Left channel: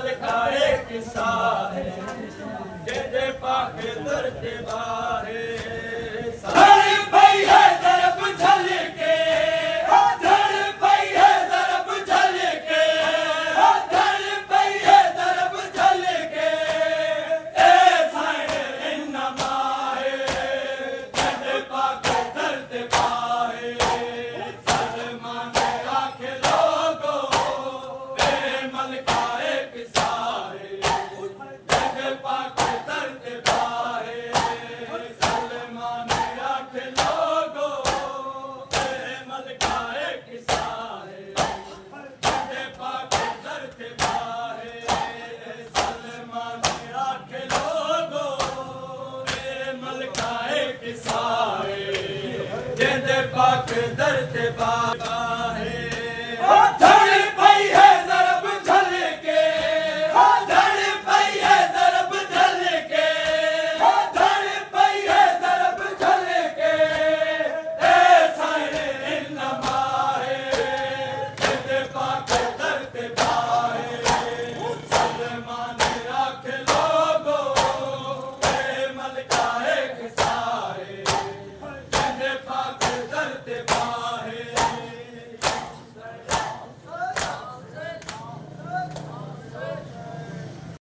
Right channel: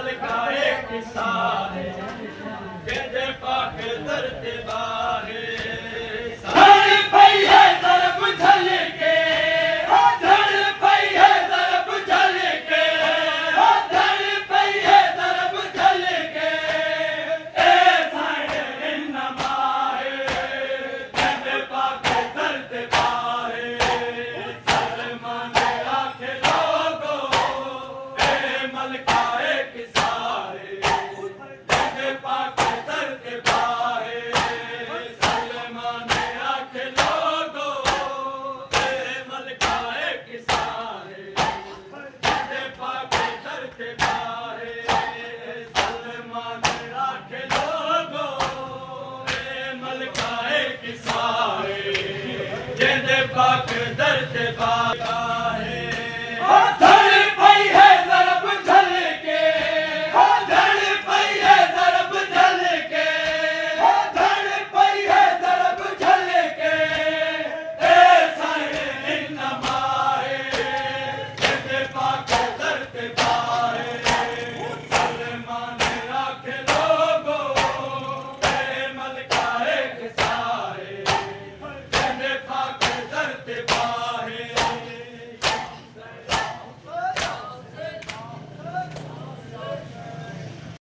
मलकाए किसा है दे पाक दर्द बाहे धड़ पई है दरब झल के धड़ पई है दरब झल के धड़ पई है दरब झल के ए साइड इन माहे दे पाक दर्द बाहे सलमान आंख लोगो ए मलकाए किसा जिंदे पाक दर्द बाबा